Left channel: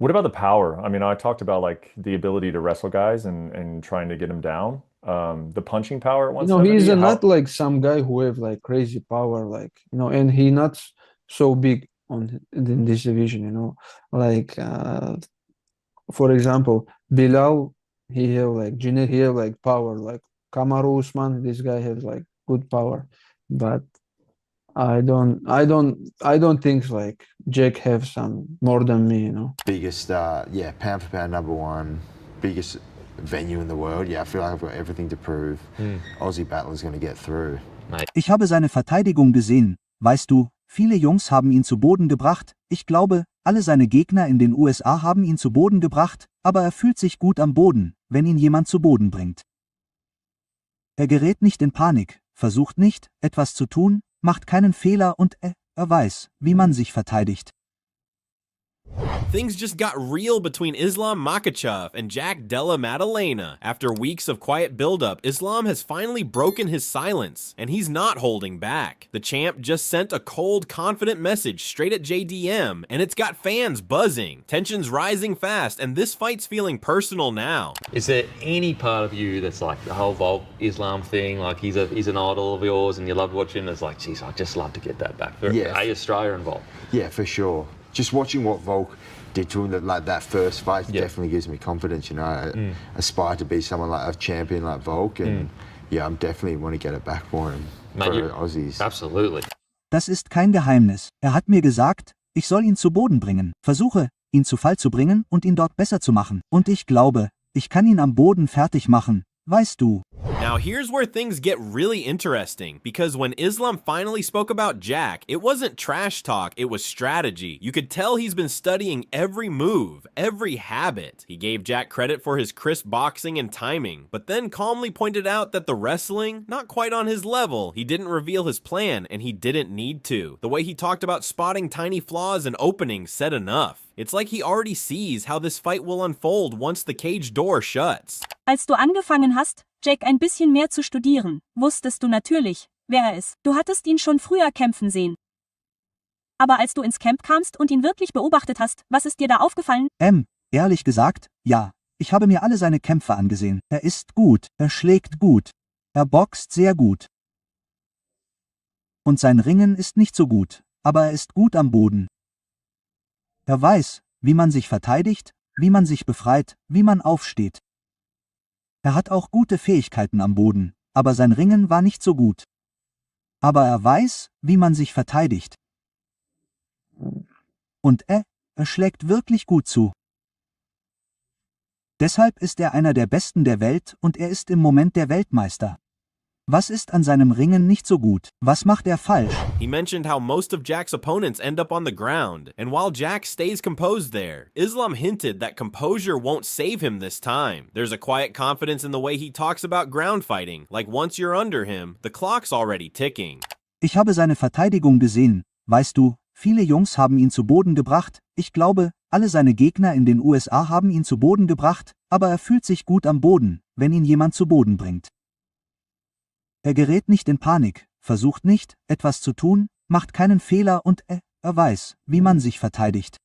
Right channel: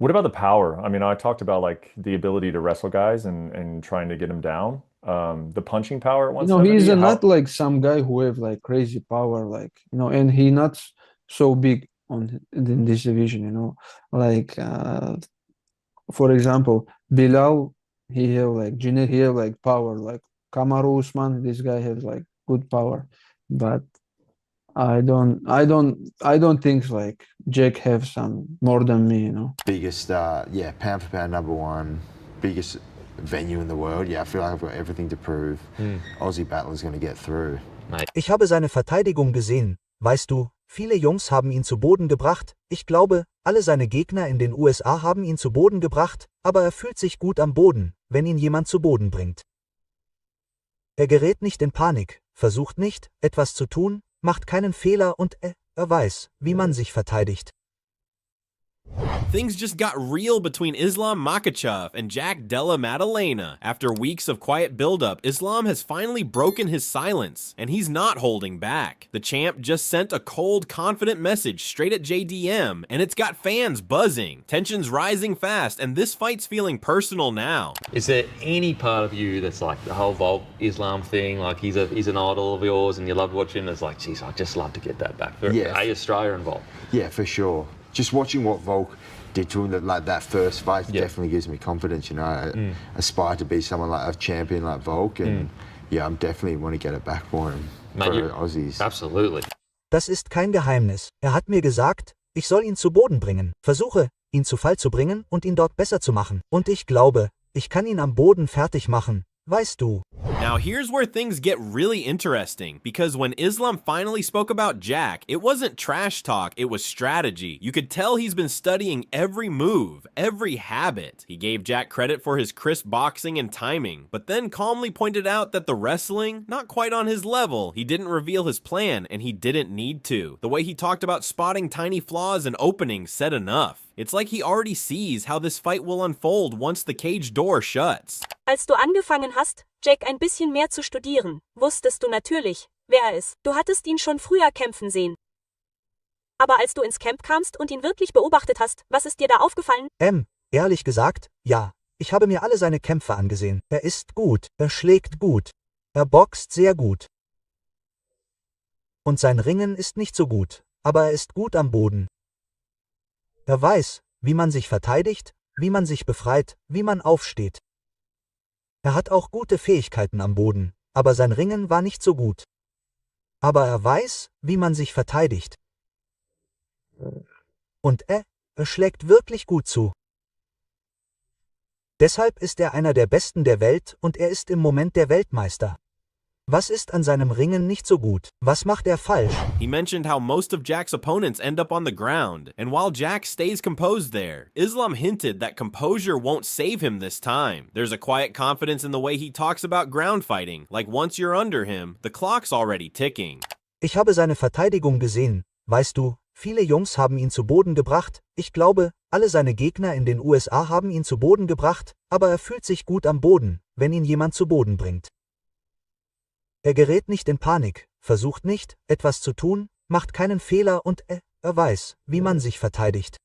What about the power? I mean, I talked about like the ability to wrestle guys and trying to get them down. The punching power at He's 170. not How like some guy who have like crazy power, like and he not so big in this division, like for example, Bilal, he have like Junior, he have like power, like Kamaru Usman, this guy has like good power, but I don't think like Jake have some more than me. Biggest, yeah, pound for pound number one, biggest venue in the world. Yeah, I feel like I've got everything to prove. Aussie battler's going to get through. Ich habe seine Verteidigung gesehen. Weißt du, viele Jungs haben ihn zu Boden gebracht. Ich glaube, alle seine Gegner in den USA haben ihn zu Boden gebracht, aber er fühlt sich gut am Boden, wenn ihn jemand zu Boden bringt. Er gerät nicht in Panik, versucht nicht, etwas zu tun, macht keinen Fehler und er weiß, wie man sich verteidigt. Things just got real between Islam Makhachev and Jack Della Maddalena. After weeks of quiet buildup, Islam has finally broken his silence, and he's not holding back. The champ just sent a cold, confident message straight at JDM, and it's got fans buzzing. Tensions rising fast, and this fight's feeling personal now. Is there any part of you that's like the whole Volk Islam thing, like he's an idol of yours and you love watching, it's like, geez, I'd just love to get that back for Australia and Volk? Yeah, for sure. Just watching what Volk did to him, like that first fight, definitely gives me confidence. I aspire to be someone like a champion like Volk, and yeah, I'm definitely want to get it back for him, Mate, for Aussies. Absolutely. Das ist kein Geheimnis. Er hat mir gesagt, ich soll ihn zu Boden bringen. Versuche, ihn zu Fall zu bringen und ihn dort besser zu machen. Und ich glaube, ich kann ihn am Boden fertig machen. Weißt du. Now here's where things get really interesting, because when Islam finally spoke about Jack, it wasn't trash talk, it was strategy. You could tell he's been studying every move, every habit. He gave Jack credit for his crisp boxing and timing, but then calmly pointed out that the wrestling, not quite on his level. He didn't reveal his plan, and he didn't need to. The way he talked about spotting tiny flaws and openings said enough. It's like he already sees how this fight will unfold once the cage door shuts. Als du angefangen hast, Jake ein bisschen mehr zu studieren, wusstest du natürlich, wer er ist. Du hattest ihn schon früher kämpfen sehen. Aber als du ins Camp kamst und ihn wirklich beobachtet hast, was ist dir da aufgefallen? Ehrlich gesagt, ja. Ich habe mir alle seine Kämpfe angesehen. Er ist gut, er schlägt gut. Er boxt sehr gut. Und sein Ringen ist nicht so gut, aber er ist gut am Boden. Er weiß, wie man sich verteidigt, wie man sich befreit, wie man aufsteht. Er hat auch gute Fähigkeiten am Boden, aber sein Ringen war nicht so gut. Aber er weiß, wie man sich verteidigt. Und er schlägt wirklich gut zu. Deshalb ist er einer der Besten der Welt und er ist im Moment der Weltmeister. Was ist an seinem Ringen nicht so gut? Was macht er falsch? He mentioned how most of Jack's opponents end up on the ground, and while Jack stays composed there, Islam hinted that composure won't save him this time. There's a quiet confidence in the way he talks about ground fighting, like once you're under him, the clock's already ticking. Ich habe seine Verteidigung gesehen, weißt du, viele Jungs haben ihn zu Boden gebracht, ich glaube, alle seine Gegner in den USA haben ihn zu Boden gebracht, aber er fühlt sich gut am Boden, wenn ihn jemand zu Boden bringt. Er gerät nicht in Panik, versucht nicht, etwas zu tun, macht keinen Fehler und er weiß, wie man sich verteidigt.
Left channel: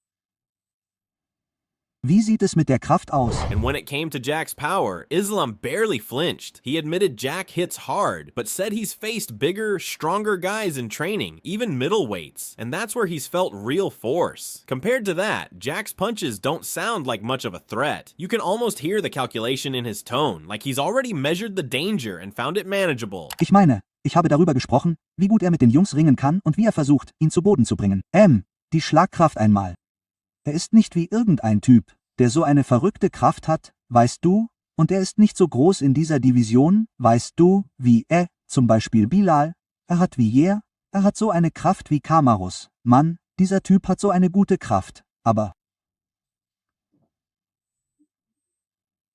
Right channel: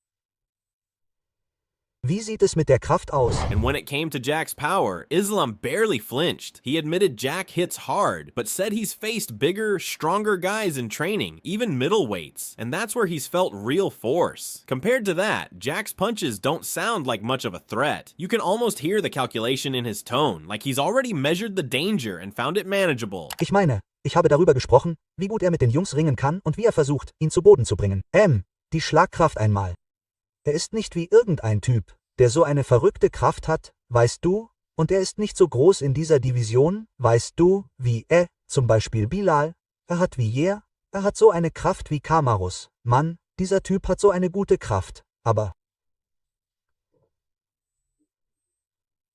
Wie sieht es mit der Kraft aus? And when it came to Jack's power, Islam barely flinched. He admitted Jack hits hard, but said he's faced bigger, stronger guys in training, even middleweights, and that's where he's felt real force. Compared to that, Jack's punches don't sound like much of a threat. You can almost hear the calculation in his tone, like he's already measured the danger and found it manageable. Ich meine, ich habe darüber gesprochen, wie gut er mit den Jungs ringen kann und wie er versucht, ihn zu Boden zu bringen. Die Schlagkraft einmal. Er ist nicht wie irgendein Typ, der so eine verrückte Kraft hat, weißt du, und er ist nicht so groß in dieser Division, weißt du, wie zum Beispiel Bilal, er hat wie er hat so eine Kraft wie Kamarus. Mann, dieser Typ hat so eine gute Kraft, aber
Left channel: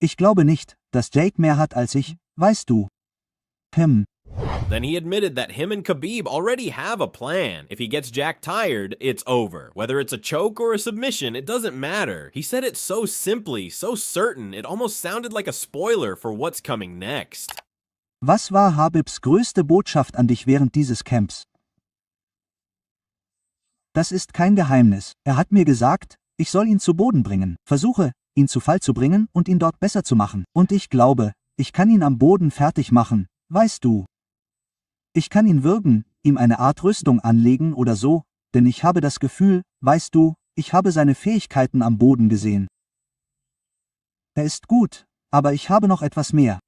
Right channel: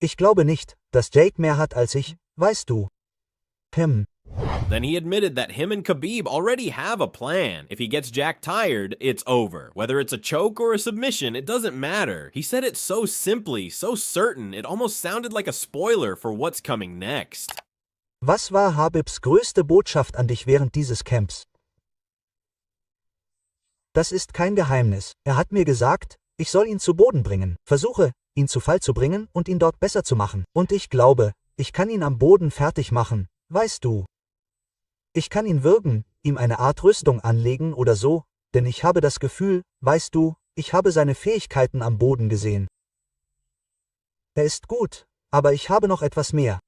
ich glaube nicht, dass Jake mehr hat als ich, weißt du. Then he admitted that him and Khabib already have a plan. If he gets Jack tired, it's over. Whether it's a choke or a submission, it doesn't matter. He said it so simply, so certain, it almost sounded like a spoiler for what's coming next. Was war Habibs größte Botschaft an dich während dieses Camps? Das ist kein Geheimnis. Er hat mir gesagt, Ich soll ihn zu Boden bringen, versuche, ihn zu Fall zu bringen und ihn dort besser zu machen. Und ich glaube, ich kann ihn am Boden fertig machen, weißt du. Ich kann ihn würgen, ihm eine Art Rüstung anlegen oder so, denn ich habe das Gefühl, weißt du, ich habe seine Fähigkeiten am Boden gesehen. Er ist gut, aber ich habe noch etwas mehr.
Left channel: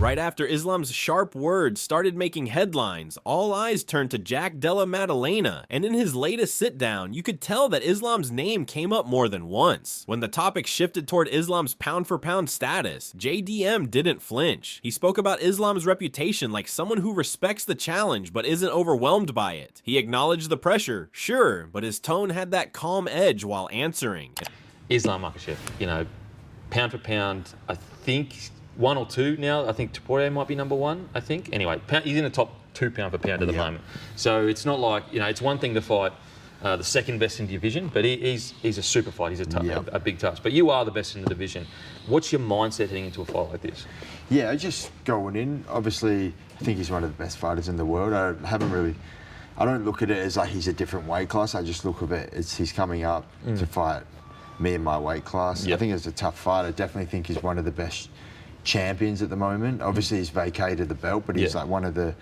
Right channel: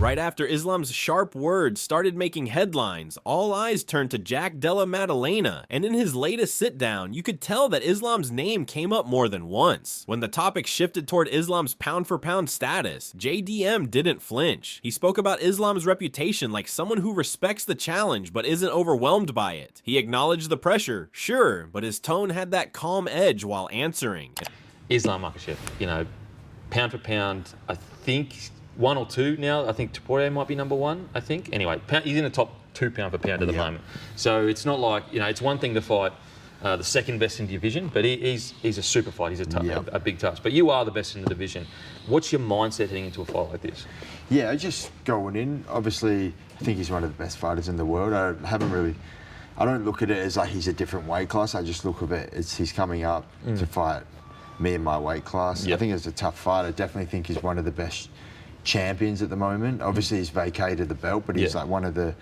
Right after Islam's sharp words started making headlines, all eyes turned to Jack Della Maddalena, and in his latest sit-down, you could tell that Islam's name came up more than once. When the topic shifted toward Islam's pound-for-pound status, JDM didn't flinch. He spoke about Islam's reputation like someone who respects the challenge but isn't overwhelmed by it. He acknowledged the pressure, sure, but his tone had that calm edge while answering. Islam Makhachev, pound for pound, I think 1 or 2 now. I think Topuria might be number 1, I think. Anyway, he's in the top 2 pound for pound at the moment. So it's not like, it's one thing to fight the second best in the division, but he's a super fight. He's a big touch. But you are the best in the division. What's your mindset heading into a fight like this? Yeah, just going in. Obviously, I think he's one of the best fighters in the world. I don't look at it as like he's a different weight class. I just look at it as he's coming up to fight me in my weight class. I think it's a tough fight. I definitely think he's one of the best champions at the moment. Obviously, he's vacated the belt, but he's like one of the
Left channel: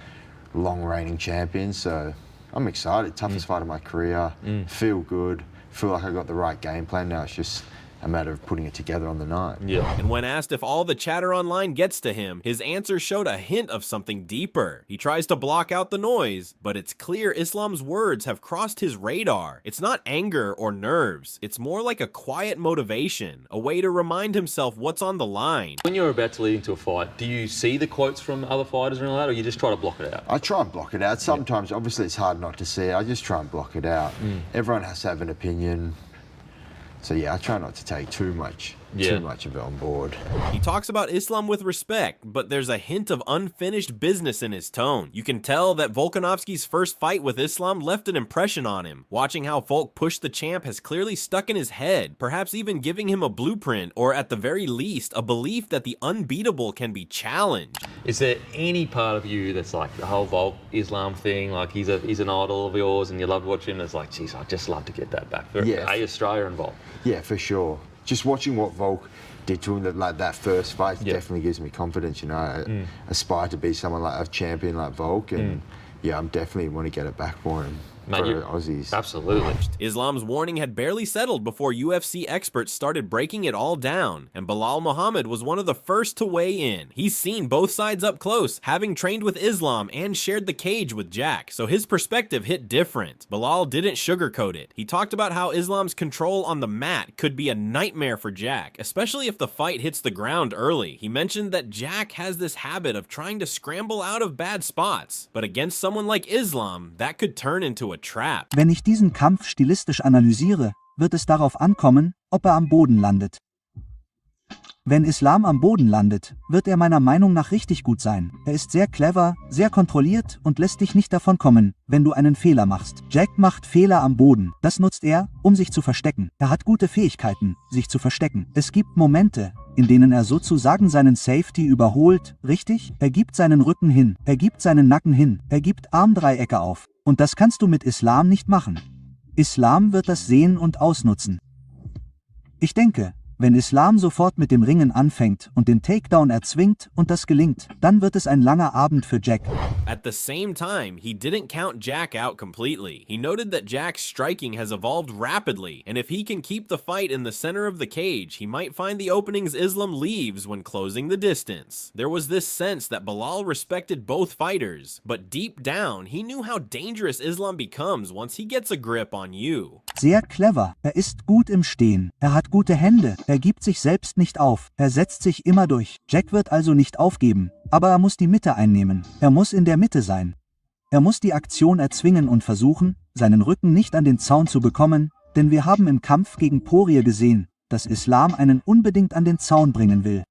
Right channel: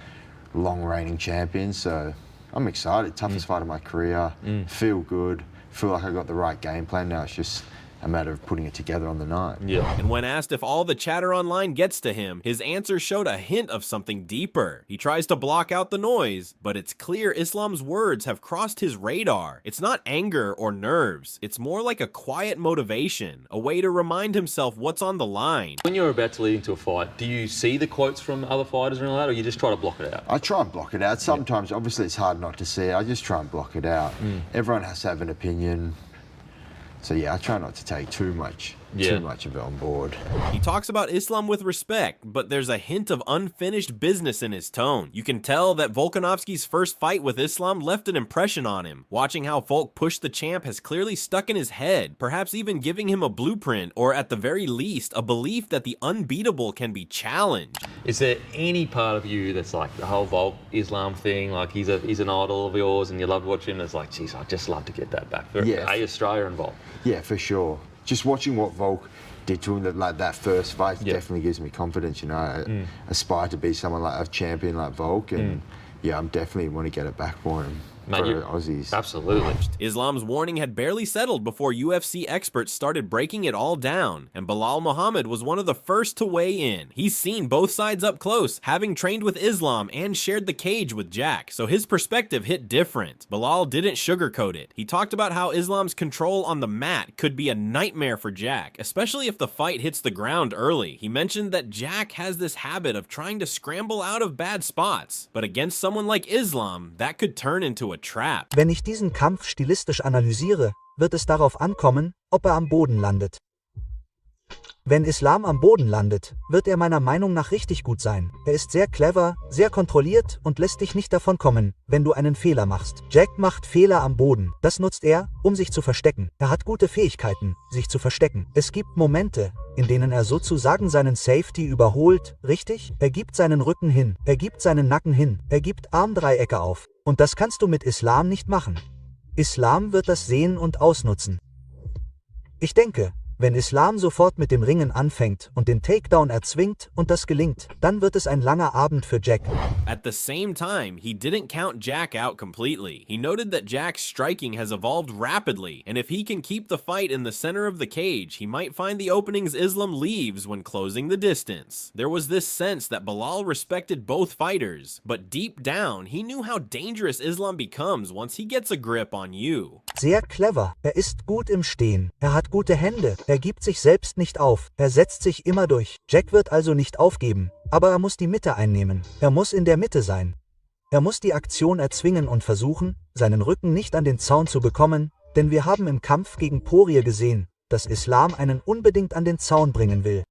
long reigning champions. So I'm excited. Toughest fight of my career. Feel good. Feel like I got the right game plan. Now it's just a matter of putting it together on the night. And when asked if all the chatter online gets to him, his answer showed a hint of something deeper. He tries to block out the noise, but it's clear Islam's words have crossed his radar. It's not anger or nerves. It's more like a quiet motivation, a way to remind himself what's on the line. When you're about to lead into a fight, do you see the quotes from other fighters and all that, or you just try to block it out? I try and block it out. Sometimes, obviously, it's hard not to see it. I just try and block it out. Everyone has to have an opinion. So yeah, I try not to take too much of it on board. He talks about Islam with respect, but there's a hint of unfinished business in his tone. You can tell that Volkanovski's first fight with Islam left an impression on him. Watching how Volk pushed the champ has clearly stuck in his head, perhaps even giving him a blueprint, or at the very least, a belief that the unbeatable can be challenged. Is there any part of you that's like the whole Volk Islam thing, like he's an idol of yours and you loved watching, it's like, geez, I'd just love to get that back for Australia and Volk? Yeah, for sure. Just watching what Volk did to him, that first fight definitely gives me confidence. I aspire to be someone like a champion like Volk, and I'm definitely want to get it back for him. For Aussies. Absolutely. Islam's warning had barely settled before UFC experts started breaking it all down, and Bilal Muhammad was one of the first to weigh in. He's seen both sides up close, having trained with Islam and shared the cage with Jack, so his perspective hit different. Bilal didn't sugarcoat it. He talked about how Islam's control on the mat could be a nightmare for Jack, especially if the fight hits the ground early. He mentioned that Jack has this habit of trying to scramble out of bad spots, but against someone like Islam, that could turn into a trap. Wenn ich diesen Kampf stilistisch analysiere, wird es darauf ankommen, ob er am Boden landet. Wenn Islam am Boden landet, wird er meiner Meinung nach richtig gut sein. Er ist sehr clever, sehr kontrolliert und lässt dich nicht davon kommen, wenn du einen Fehler machst. Jack macht Fehler am Boden. Das nutzt er, um sich zu verstecken. Er hat gute Fähigkeiten, sich zu verstecken. Es gibt Momente, in denen er sozusagen seinen Safety überholt, richtig? Er gibt seinen Rücken hin, er gibt seinen Nacken hin, er gibt Armdreiecke auf. Und das kannst du mit Islam nicht machen. Islam wird das sehen und ausnutzen. Ich denke, wenn Islam sofort mit dem Ringen anfängt und den Takedown erzwingt und das gelingt, dann wird es ein langer Abend für Jack. At the same time, he didn't count Jack out completely. He noted that Jack's striking has evolved rapidly, and if he can keep the fight in the center of the cage, he might find the openings Islam leaves when closing the distance. There was this sense that Bilal respected both fighters, but deep down, he knew how dangerous Islam becomes once he gets a grip on you. Sehr clever. Er ist gut im Stehen. Er hat gute Hände. Er gibt sich selbst nicht auf. Er setzt sich immer durch. Jack wird also nicht aufgeben. Aber er muss die Mitte einnehmen. Er muss in der Mitte sein. Er muss die Aktion erzwingen und versuchen, seinen Rücken nicht an den Zaun zu bekommen, denn wir haben im Kampf gegen Poirier gesehen, dass Islam einen unbedingt an den Zaun bringen will.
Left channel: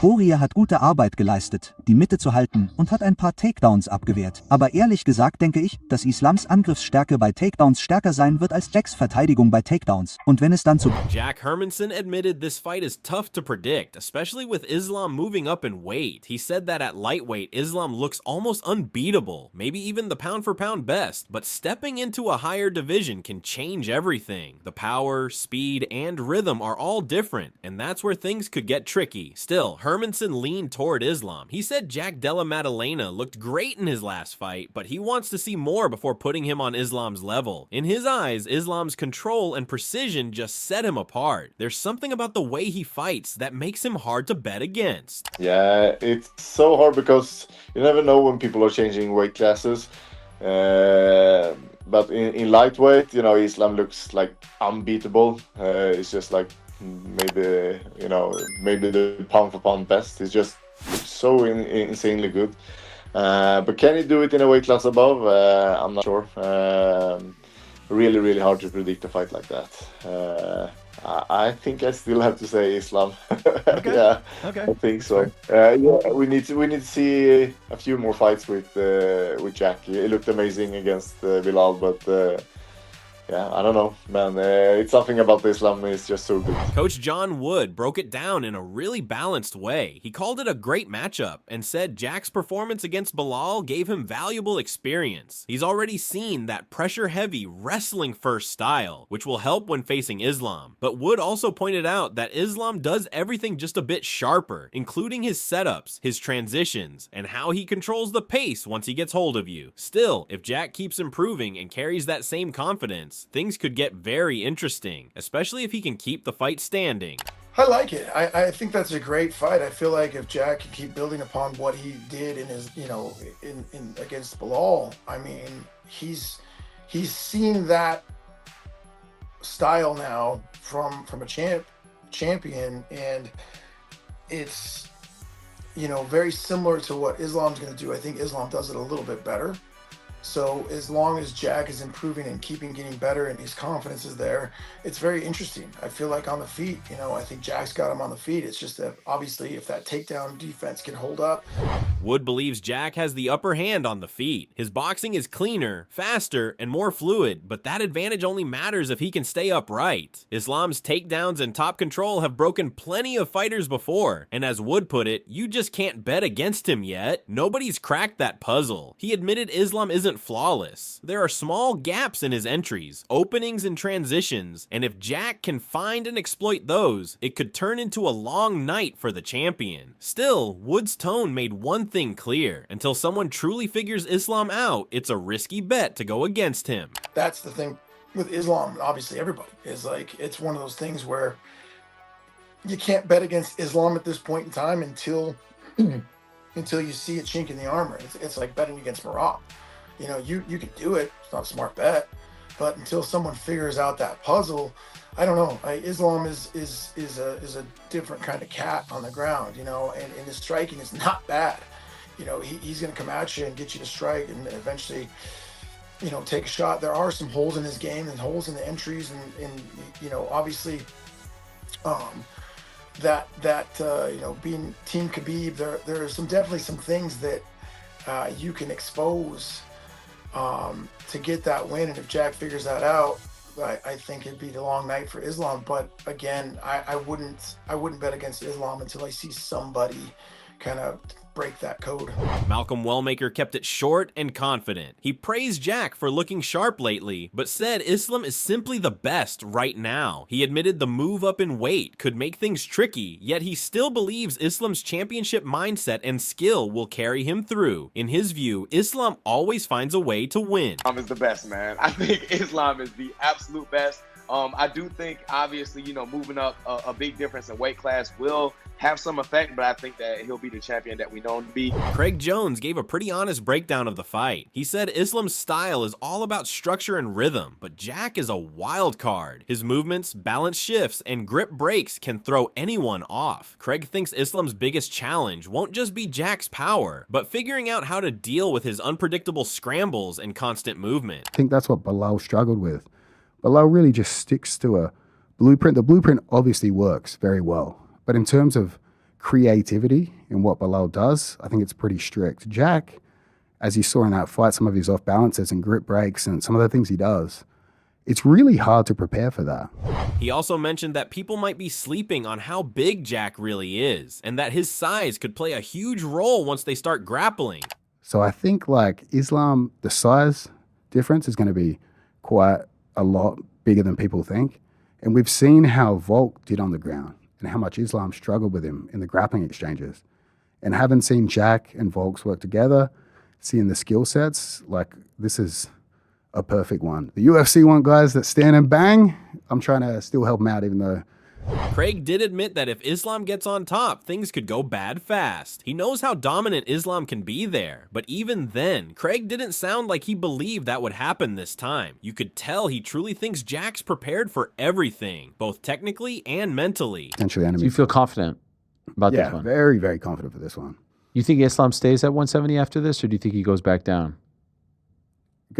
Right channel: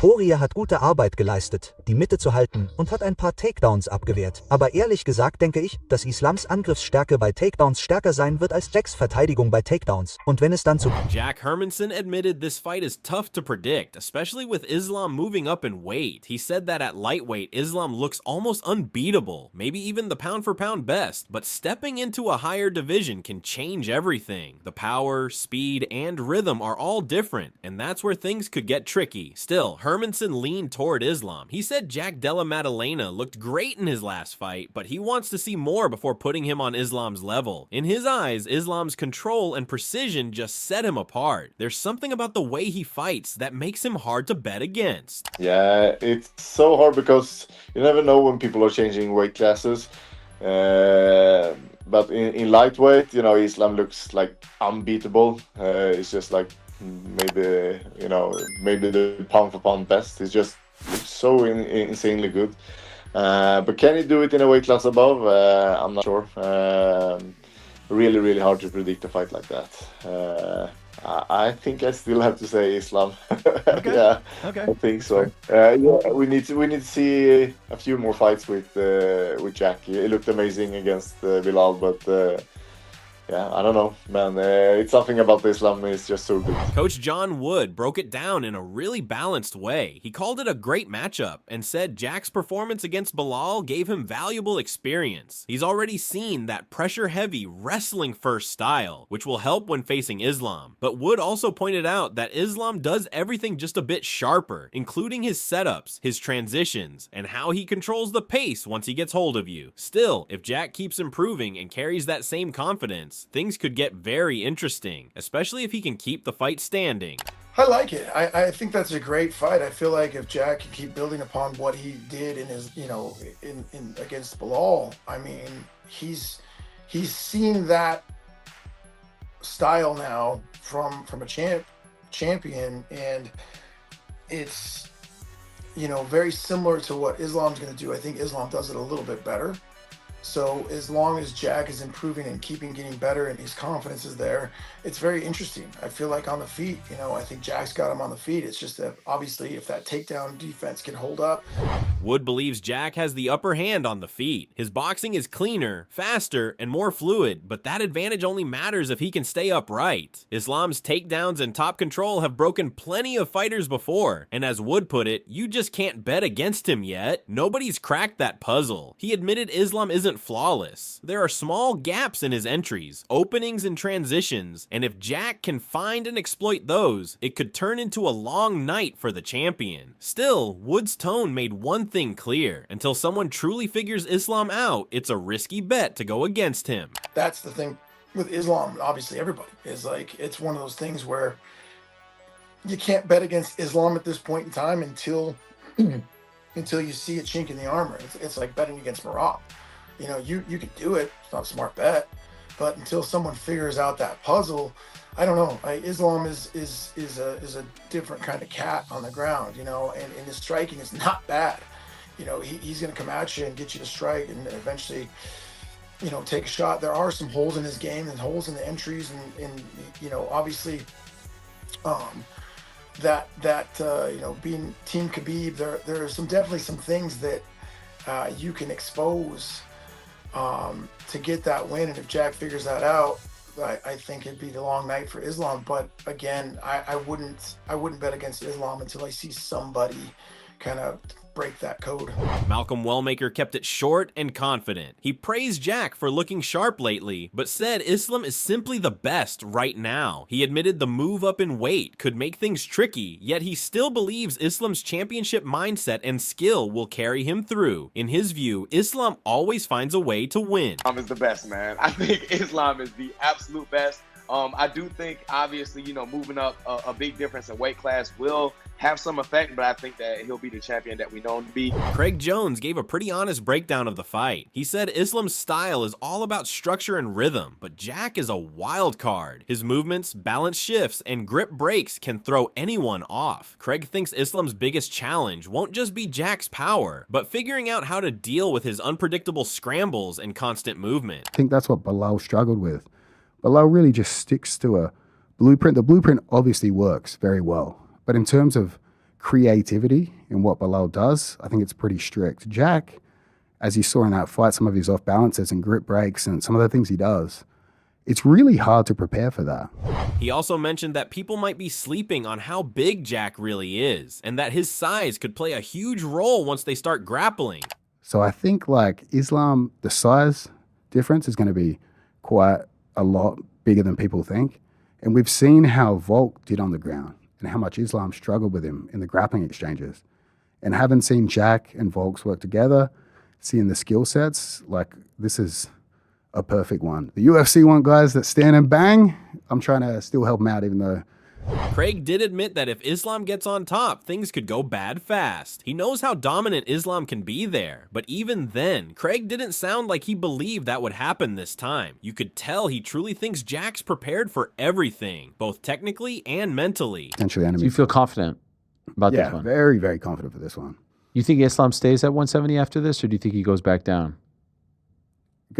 Poirier hat gute Arbeit geleistet, die Mitte zu halten und hat ein paar Takedowns abgewehrt. Aber ehrlich gesagt denke ich, dass Islams Angriffsstärke bei Takedowns stärker sein wird als Jacks Verteidigung bei Takedowns. Und wenn es dann zu... Jack Hermanson admitted this fight is tough to predict, especially with Islam moving up in weight. He said that at lightweight, Islam looks almost unbeatable, maybe even the pound-for-pound best, but stepping into a higher division can change everything. The power, speed, and rhythm are all different, and that's where things could get tricky. Still, Hermanson leaned toward Islam. He said Jack Della Maddalena looked great in his last fight, but he wants to see more before putting him on Islam's level. In his eyes, Islam's control and precision just set him apart. There's something about the way he fights that makes him hard to bet against. Yeah, it's so hard because you never know when people are changing weight classes. But in lightweight, you know, Islam looks like unbeatable. It's just like maybe the pound for pound best. He's just so insanely good. But can he do it in a weight class above? I'm not sure. Really hard to predict a fight like that. I think I still have to say Islam. Okay. Yeah, Okay. I think so. Yeah, we need to see a few more fights with Jack. He looked amazing against Bilal, but yeah, I don't know, man. It's something about Islam is just so good. Coach John Wood broke it down in a really balanced way. He called it a great matchup and said Jack's performance against Bilal gave him valuable experience. He's already seen that pressure-heavy, wrestling-first style, which will help when facing Islam. But Wood also pointed out that Islam does everything just a bit sharper, including his setups, his transitions, and how he controls the pace once he gets hold of you. Still, if Jack keeps improving and carries that same confidence, things could get very interesting, especially if he can keep the fight standing. I like it. I think that's a great fight. I feel like if Jack can keep building upon what he did in his, in against Bilal, I mean, he's seen that style now from a champion, and it's very similar to what Islam's going to do. I think Islam does it a little bit better. So as long as Jack is improving and getting better and his confidence is there, it's very interesting. I feel like on the feet, I think Jack's got him on the feet. It's just that obviously if that takedown defense can hold up. Wood believes Jack has the upper hand on the feet. His boxing is cleaner, faster, and more fluid, but that advantage only matters if he can stay upright. Islam's takedowns and top control have broken plenty of fighters before, and as Wood put it, you just can't bet against him yet. Nobody's cracked that puzzle. He admitted Islam isn't flawless. There are small gaps in his entries, openings and transitions, and if Jack can find and exploit those, it could turn into a long night for the champion. Still, Wood's tone made one thing clear. Until someone truly figures Islam out, it's a risky bet to go against him. That's the thing with Islam, obviously everybody, is like, it's one of those things where you can't bet against Islam at this point in time until you see a chink in the armor. It's like betting against Morocco. You can do it. It's not a smart bet, but until someone figures out that puzzle, I don't know. Islam is a different kind of cat on the ground, and his striking is not bad. He's going to come at you and get you to strike and eventually, take a shot. There are some holes in his game and holes in the entries, and obviously, being Team Khabib, there are definitely some things that you can expose to get that win. And if Jack figures that out, I think it'd be the long night for Islam. But again, I wouldn't bet against Islam until I see somebody kind of break that code. Malcolm Wellmaker kept it short and confident. He praised Jack for looking sharp lately, but said Islam is simply the best right now. He admitted the move up in weight could make things tricky, yet he still believes Islam's championship mindset and skill will carry him through. In his view, Islam always finds a way to win. Islam is the best, man. I think Islam is the absolute best. I do think, obviously, moving up a big difference in weight class will have some effect, but I think that he'll be the champion that we know him to be. Craig Jones gave a pretty honest breakdown of the fight. He said Islam's style is all about structure and rhythm, but Jack is a wild card. His movements, balance shifts, and grip breaks can throw anyone off. Craig thinks Islam's biggest challenge won't just be Jack's power, but figuring out how to deal with his unpredictable scrambles and constant movement. I think that's what Bilal struggled with. Bilal really just sticks to a blueprint. The blueprint obviously works very well, but in terms of creativity in what Bilal does, I think it's pretty strict. Jack, as you saw in that fight, some of his off balances and grip breaks and some of the things he does, it's really hard to prepare for that. He also mentioned that people might be sleeping on how big Jack really is, and that his size could play a huge role once they start grappling. So I think like Islam, the size difference is going to be quite a lot bigger than people think. And we've seen how Volk did on the ground and how much Islam struggled with him in the grappling exchanges. And having seen Jack and Volks work together, seeing the skill sets, like this is a perfect one. The UFC want guys that stand and bang. I'm trying to still help them out, even though Craig did admit that if Islam gets on top, things could go bad fast. He knows how dominant Islam can be there, but even then, Craig didn't sound like he believed that would happen this time. You could tell he truly thinks Jack's prepared for everything, both technically and mentally. potentially So enemy. you feel confident about this Yeah, one? very, very confident for this one. You think Islam stays at 170 after this, or do you think he goes back down?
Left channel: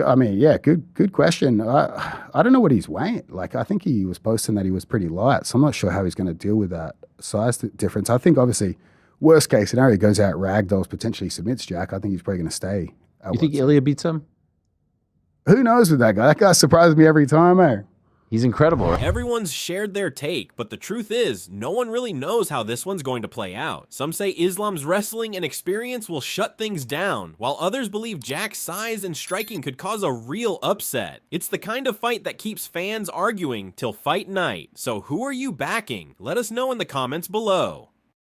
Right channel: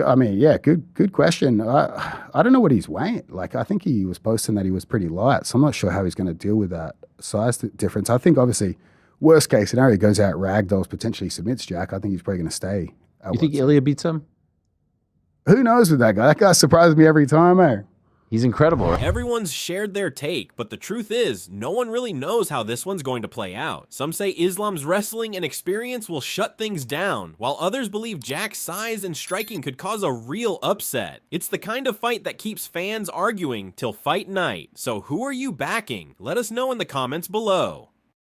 I mean, yeah, good question. I don't know what he's weighing. Like, I think he was posting that he was pretty light, so I'm not sure how he's going to deal with that size difference. I think, obviously, worst case scenario, he goes out ragdolls, potentially submits Jack. I think he's probably going to stay. You think Ilya beats him? Who knows with that guy? That guy surprises me every time, eh? He's incredible. Everyone's shared their take, but the truth is, no one really knows how this one's going to play out. Some say Islam's wrestling and experience will shut things down, while others believe Jack's size and striking could cause a real upset. It's the kind of fight that keeps fans arguing till fight night. So who are you backing? Let us know in the comments below.